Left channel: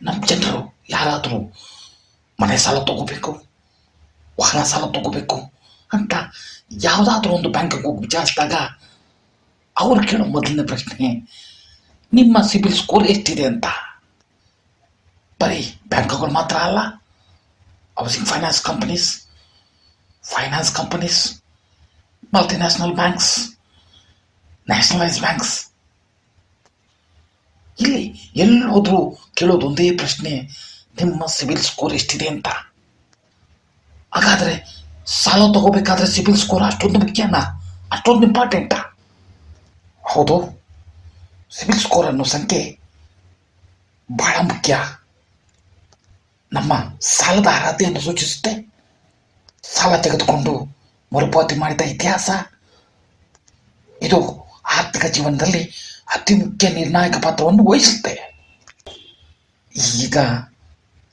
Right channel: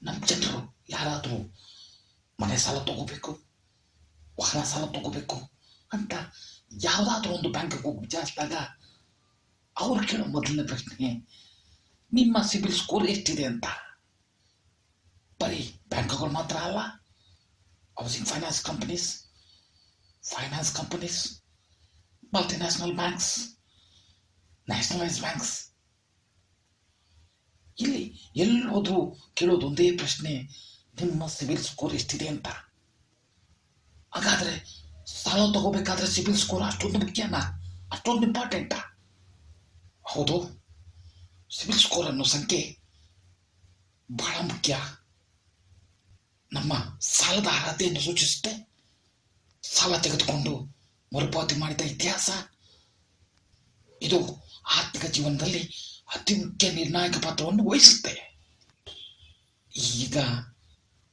ನಮ್ಮ ಜನರು ಯಾರಾದರೂ ಮನೆ ಸಾಲ ತಗೋಬೇಕು, ವಾಹನ ಸಾಲ ತಗೋಬೇಕು ಅಂತ ಯಾವುದಾದ್ರೂ ಒಂದು ಬ್ಯಾಂಕಿಗೆ ಹೋಗಿ ವಿಚಾರಿಸಿದಾಗ ಅವ್ರು ಕೇಳೋ ಮೊದಲನೇ ಪ್ರಶ್ನೆ ನಿಮ್ಮ ಸಿಬಿಲ್ ಸ್ಕೋರ್ ಎಷ್ಟಿದೆ ಅಂತ. ಬರೀ ಬ್ಯಾಂಕುಗಳು ಮಾತ್ರ ಅಲ್ಲ, housing finance companies, multinational banks, nationalise banks, ಇಲ್ಲಿ ಎಲ್ಲೋದ್ರೂ ಕೇಳೋದು ಒಂದೇ ಪ್ರಶ್ನೆ, ನಿಮ್ಮ ಸಿಬಿಲ್ ಸ್ಕೋರ್ ಎಷ್ಟಿದೆ ಅಂತ. ಹಾಗಾದರೆ ಸಾಲ ತಗೋಬೇಕಾದ್ರೆ ಸಿಬಿಲ್ ಸ್ಕೋರ್ ಅಷ್ಟೊಂದು ಮುಖ್ಯನಾ, ಅಷ್ಟೊಂದು ಇಂಪಾರ್ಟೆಂಟಾ? ಹೌದು, ಸಿಬಿಲ್ ಸ್ಕೋರ್ ಅನ್ನೋ ಸಂಖ್ಯೆ ಬಹಳ ಮುಖ್ಯ. ನಮ್ಮ ಸಾಲದ ಅರ್ಹತೆಯನ್ನು ಸೂಚಿಸುತ್ತೆ. ಸಾಲ ತೆಗೆದುಕೊಂಡು ಮರುಪಾವತಿ ಮಾಡಿದ ಇತಿಹಾಸ, ಇದು ಆರ್ಥಿಕ ಜೀವನದಲ್ಲಿ ಅತಿ ಮುಖ್ಯ ನಿರ್ಣಾಯಕ ಪಾತ್ರವನ್ನು ವಹಿಸುತ್ತೆ. ಈಗ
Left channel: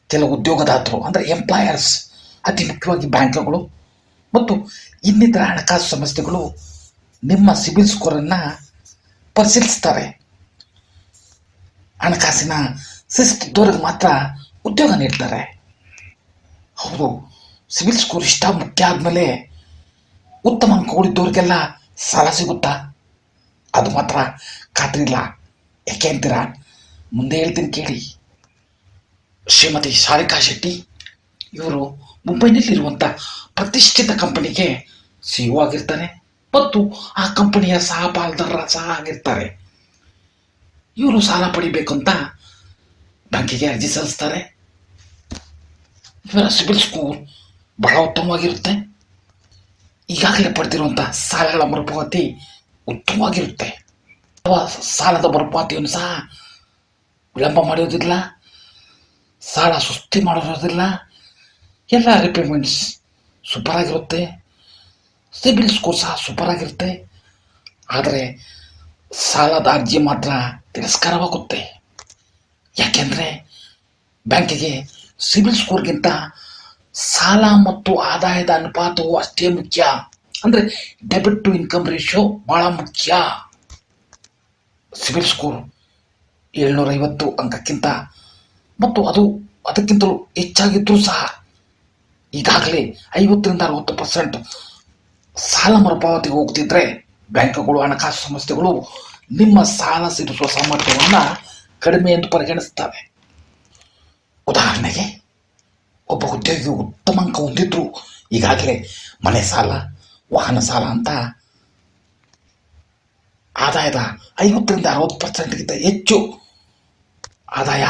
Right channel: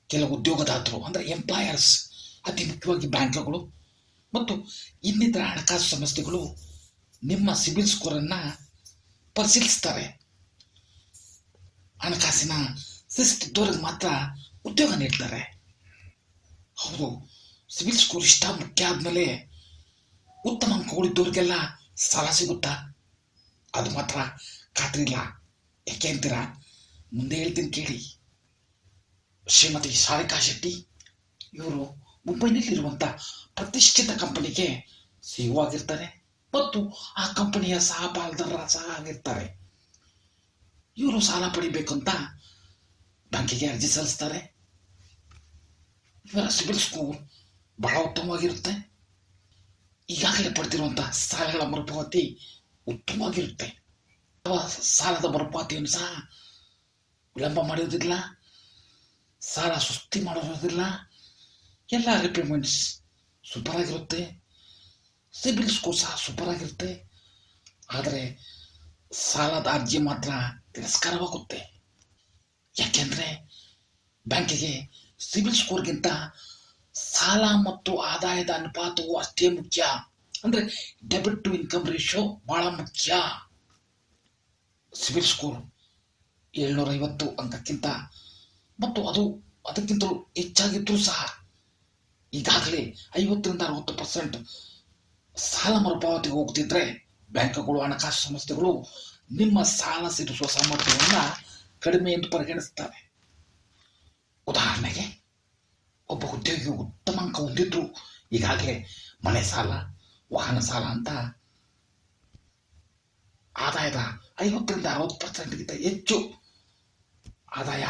ಕೆಲವು ಉದ್ಯೋಗದಾತರು ಅಂದರೆ ಎಂಪ್ಲಾಯರ್ಸ್, ಅತಿ ಮುಖ್ಯವಾಗಿ ಬ್ಯಾಂಕ್ಗಳು ಮತ್ತು ಇನ್ನಿತರ ಹಣಕಾಸು ಸಂಸ್ಥೆಗಳು ನಿಮ್ಮ ಸಿಬಿಲ್ ಸ್ಕೋರನ್ನು ಪರಿಶೀಲಿಸ್ತಾರೆ. ಹಣಕಾಸಿನ ಶಿಸ್ತಿದ್ದವರಿಗೆ ಮಾತ್ರ ಉದ್ಯೋಗ ನೀಡ್ತಾರೆ. ಹೌದು, ಸಿಬಿಲ್ ಸ್ಕೋರ್ ಇಷ್ಟ ಮುಖ್ಯ ಆದಮೇಲೆ ಉತ್ತಮ ಅಂಕಗಳಿದ್ದವ್ರಿಗೆಲ್ಲ ಸಾಲ ಸಿಗುತ್ತಾ? ಅದು ಮಾತ್ರ ಖಾತ್ರಿ ಇಲ್ಲ. ಯಾಕೆ ಅಂತೀರಾ? ಮುಂದೆ ಹೇಳ್ತೀನಿ ಕೇಳಿ. ಶ್ರೀಮತಿ ಶಾರಿಕಾ ಶೆಟ್ಟಿ ಇವರು ಮುಂಬೈನಲ್ಲಿರುವಂಥ ಪ್ರತಿಷ್ಠಿತ ಕಂಪನಿಗೆ CEO ಆಗಿರ್ತಾರೆ ಮತ್ತು ಆ ಕಂಪನಿಯ ಸಹ ಆಗಿರ್ತಾರೆ. ಇವರು ಸಾಲ ಪಡಿಬೇಕಂತ ಬ್ಯಾಂಕಿಗೆ ಅರ್ಜಿ ಸಲ್ಲಿಸ್ತಾರೆ. ಇವರ ಸಿಬಿಲ್ ಸ್ಕೋರ್ ಬಹಳ ಉತ್ತಮವಾಗಿರುತ್ತೆ. ಈಗಾಗಲೇ ಪಡೆದಿರುವಂಥ ಸಾಲಗಳ ಮರುಪಾವತಿ ಉತ್ತಮವಾಗಿರುತ್ತೆ. ಸಾಲದ ಮರುಪಾವತಿಯನ್ನು ಸಹ ವಿಳಂಬ ಮಾಡೋದಿಲ್ಲ, ಸಾಲ ಸುಸ್ತಿ ಮಾಡೋದಿಲ್ಲ. ಎಲ್ಲ ರಿಪೇಮೆಂಟ್ಸ್ ಸೂಪರ್ ಆಗಿರುತ್ತೆ, ಸಿಬಿಲ್ ಸ್ಕೋರ್ ಸಹ ಸೂಪರ್ ಆಗಿರುತ್ತೆ. ಆದರೆ ಸಾಲದ ಅರ್ಜಿ ಮಾತ್ರ ತಿರಸ್ಕಾರವಾಗುತ್ತೆ. ಯಾಕೆಂದರೆ ಬ್ಯಾಂಕಿಗೆ ಸಿಬಿಲ್ ಸ್ಕೋರ್ಗಿಂತ ಸಾಲ ಮತ್ತು ಆದಾಯದ ಅನುಪಾತವು ಅಷ್ಟೇ ಮುಖ್ಯ. ಅಂದರೆ ಡೆಬಿಟ್ ಟು ಇನ್ಕಮ್ ರೇಷಿಯೋ ಭಾಳ ಮುಖ್ಯ. ಸಿಬಿಲ್ ಸ್ಕೋರ್ 750 ಅಂಕಕ್ಕಿಂತ ಮತ್ತು ಅದಕ್ಕಿಂತಲೂ ಹೆಚ್ಚಾಗಿದ್ದರೂ ಸಹ ಈಗಾಗಲೇ 50-60% ಸಾಲ ಮರುಪಾವತಿಗೆ ಹೋಗ್ತಿದ್ರೆ ಬ್ಯಾಂಕುಗಳು, ಹಣಕಾಸು ಸಂಸ್ಥೆಗಳು ನಿಮ್ಮ ಸಾಲ ತೀರಿಸುವ ಸಾಮರ್ಥ್ಯವನ್ನು ಕಡಿಮೆ ಎಂದು ಪರಿಗಣಿಸ್ತವೆ. ಉದಾಹರಣೆಗೆ, ಒಬ್ಬ ಉದ್ಯೋಗಿ ಉತ್ತಮ ಅಂಕ ಹೊಂದಿದ್ರು ಈಗಾಗಲೇ ಮನೆ ಸಾಲ, ವಾಹನ ಸಾಲ ಅಂತ ಆದಾಯದ 50-60%ಗಿಂತ ಹೆಚ್ಚು ಆದಾಯ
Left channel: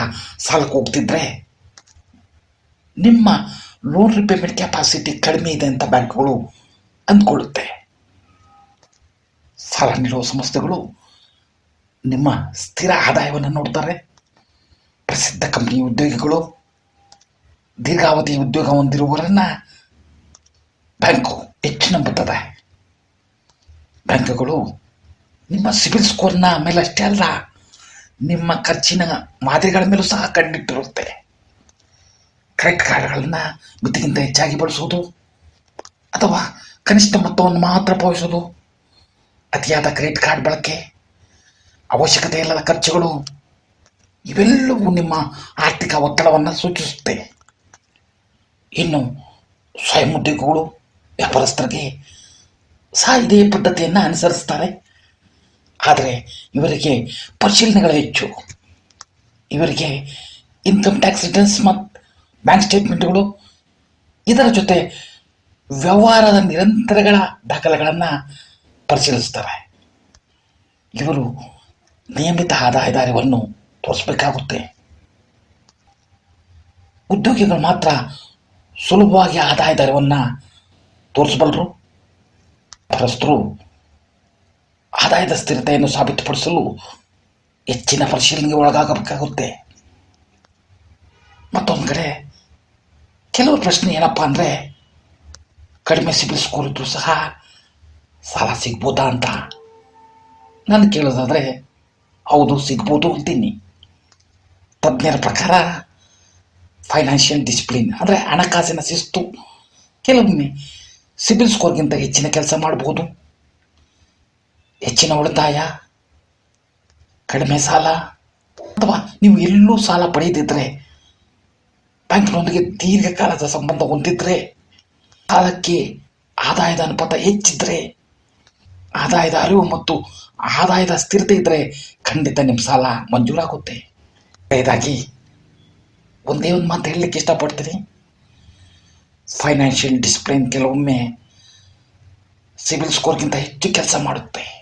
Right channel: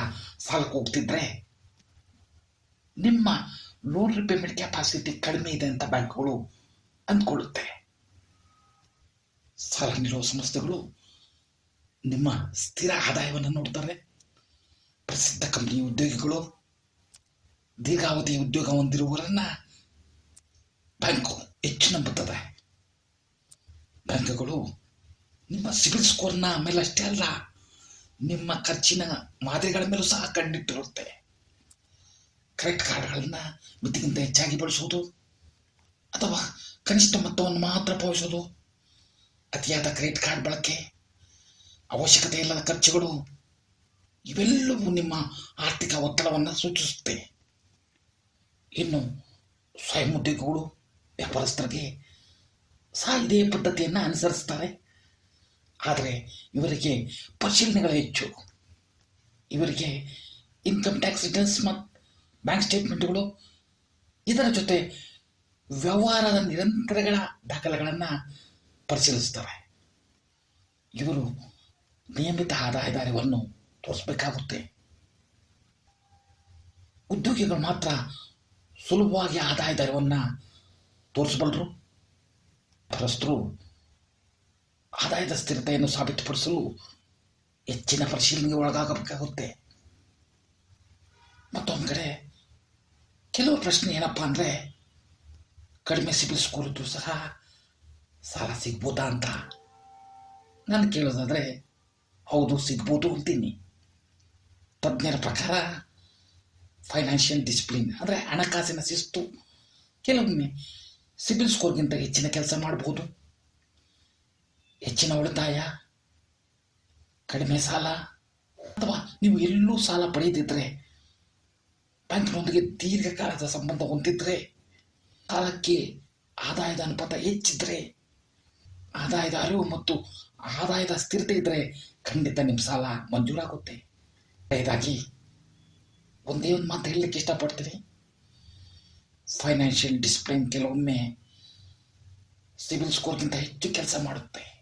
ಸಾಲಕ್ಕೆ ಹೋಗ್ತಿದ್ರೆ ನಿಮ್ಮ ಲೋನ್ ರಿಪೇಮೆಂಟ್ ಕೆಪಾಸಿಟಿ ಕಡಿಮೆ ಇದೆ ಅಂತ ಬ್ಯಾಂಕ್ಗಳು ಅಂದ್ಕೊಳ್ಳುತ್ತೆ. ಸಾಲ ನೀಡುವ ಸಂಸ್ಥೆಗಳು ನಿಮ್ಮ ಸ್ಥಿರ ಆದಾಯವನ್ನು ನೋಡ್ತಾರೆ. ಪ್ರಸಿದ್ಧ ಕಂಪನಿ ಉದ್ಯೋಗಿಗಳು, ದೀರ್ಘಾವಧಿ ಉದ್ಯೋಗ ಹೊಂದಿರುವವರನ್ನ ಬ್ಯಾಂಕು ಹೆಚ್ಚು ನಂಬುತ್ತದೆ. ಬ್ಯಾಂಕುಗಳು ನಿಮ್ಮ ಸಿಬಿಲ್ ಸ್ಕೋರ್ನ ಮೇಲೆ ಅಷ್ಟೇ ಅಲ್ಲ, ನಿಮ್ಮ ಖರ್ಚಿನ ಮಾದರಿಗಳ ಮೇಲೂ ಸಹ ಕಂಡಿಟ್ಟಿರುತ್ತೆ. ಕ್ರೆಡಿಟ್ ಕಾರ್ಡ್ಗಳನ್ನು ಮಿತಿಗಿಂತ ಹೆಚ್ಚಾಗಿ ಬಳಸುವುದು ಅಥವಾ ಕನಿಷ್ಠ ಮೊತ್ತವನ್ನು ಮಾತ್ರ ಪಾವತಿಸುವುದು, ಅತಿಯಾದ ಕ್ರೆಡಿಟ್ ಕಾರ್ಡ್ ಬಳಕೆ, ಅವಶ್ಯಕತೆ ಇಲ್ಲದ ಖರ್ಚುಗಳು, ಇವೆಲ್ಲವೂ ನಿಮ್ಮ ಆರ್ಥಿಕ ಒತ್ತಡವನ್ನು ಸೂಚಿಸುತ್ತೆ. ಇನ್ನು ಸ್ವಯಂ ಉದ್ಯೋಗಿಗಳು, ವ್ಯಾಪಾರಸ್ಥರಿಗೆ ಸಹ ಇದೇ ಪದ್ಧತಿಯನ್ನು ಅನುಸರಿಸ್ತಾರೆ. ಆದರೆ ಇವರಿಗೆ ಪರಿಶೀಲನೆಗಳು ಹೆಚ್ಚು. ಇವರಿಗೆ ಇನ್ಕಮ್ ಟ್ಯಾಕ್ಸ್ ರಿಟರ್ನ್ಸ್ ಮತ್ತು ಬ್ಯಾಂಕ್ ಸ್ಟೇಟ್ಮೆಂಟ್ಗಳು, ಇದರ ಜೊತೆ ವ್ಯವಹಾರದ ನಿರಂತರಗಳ ದಾಖಲೆಗಳನ್ನು ಪರಿಶೀಲಿಸ್ತಾರೆ. ಇವರು ನಿಯಮಿತ ಆದಾಯದ ಅರಿವನ್ನು ತೋರಿಸಬೇಕಾಗುತ್ತೆ. ಉದ್ಯೋಗಿಗಳು ಮಾತ್ರ ಸುಲಭವಾಗಿ ಆದಾಯದ ಅರಿವನ್ನು ತೋರಿಸಬಲ್ಲರು. ವ್ಯಾಪಾರಸ್ಥರು ಆದಾಯದ ಸ್ಥಿರತೆಯನ್ನು ಸಾಬೀತುಪಡಿಸಲು ಹೆಚ್ಚಿನ ಪರಿಶೀಲನೆಗೆ ಒಳಗಾಗಬೇಕಾಗುತ್ತೆ. ಮತ್ತೊಂದು ಕಡೆ ಕೆಲವು ಪ್ರಶ್ನೆ ಏನಪ್ಪ ಅಂದರೆ, ಕಡಿಮೆ ಸಿಬಿಲ್ ಸ್ಕೋರ್ ಇದ್ದರೂ ಸಹ ಸಾಲ ಸಿಗ್ಬೋದಾ ಅಂತ ನಾನು ಕೇಳೋದಾದರೆ, ಹೌದು ಸಿಗ್ಬೋದು ಅಂತೀನಿ. ತಜ್ಞರ ಪ್ರಕಾರ ಫೈನಾನ್ಷಿಯಲ್ ಡಿಸಿಪ್ಲಿನ್ ಅಂದರೆ ಹಣಕಾಸಿನ ಶಿಸ್ತು ಕೆಲವೊಮ್ಮೆ ಸಿಬಿಲ್ ಸ್ಕೋರ್ಗಿಂತ ಹೆಚ್ಚಿನ ಕೆಲಸ ಮಾಡ್ಬೋದು. ಹೆಚ್ಚಿನ ಉಳಿತಾಯ, ಕಡಿಮೆ ಸಾಲ, ಅಥವಾ ನೀವು ಎಲ್ಲೂ ಸಾಲ ಪಡೆಯದಿದ್ದರೆ ಬ್ಯಾಂಕ್ನೊಂದಿಗೆ ದೀರ್ಘಕಾಲದ ಸಂಬಂಧ ಹೊಂದಿದ್ರೆ, ಕಾಲಕ್ಕೆ ಆದಾಯದ ಅನುಪಾತ ಹೆಚ್ಚಿದ್ರೆ, ಆದಾಯದ ಅರಿವು ಮತ್ತು ಆದಾಯದ ಸ್ಥಿರತೆ ಇದ್ದರೆ ಖಂಡಿತ ನಿಮ್ಮ ಸಾಲ ಮಂಜೂರಾಗುತ್ತೆ. ಇದಾಗಿ ಒಂದೇ ಒಂದು ಮಾತು ಹೇಳಲಿಕ್ಕೆ ಇಷ್ಟಪಡ್ತೀನಿ. ಫೈನಾನ್ಷಿಯಲ್ ಡಿಸಿಪ್ಲಿನ್ ಕೆಲವೊಮ್ಮೆ ಸಿಬಿಲ್ ಸ್ಕೋರ್ಗಿಂತ ಹೆಚ್ಚು ಕೆಲಸ ಮಾಡುತ್ತೆ.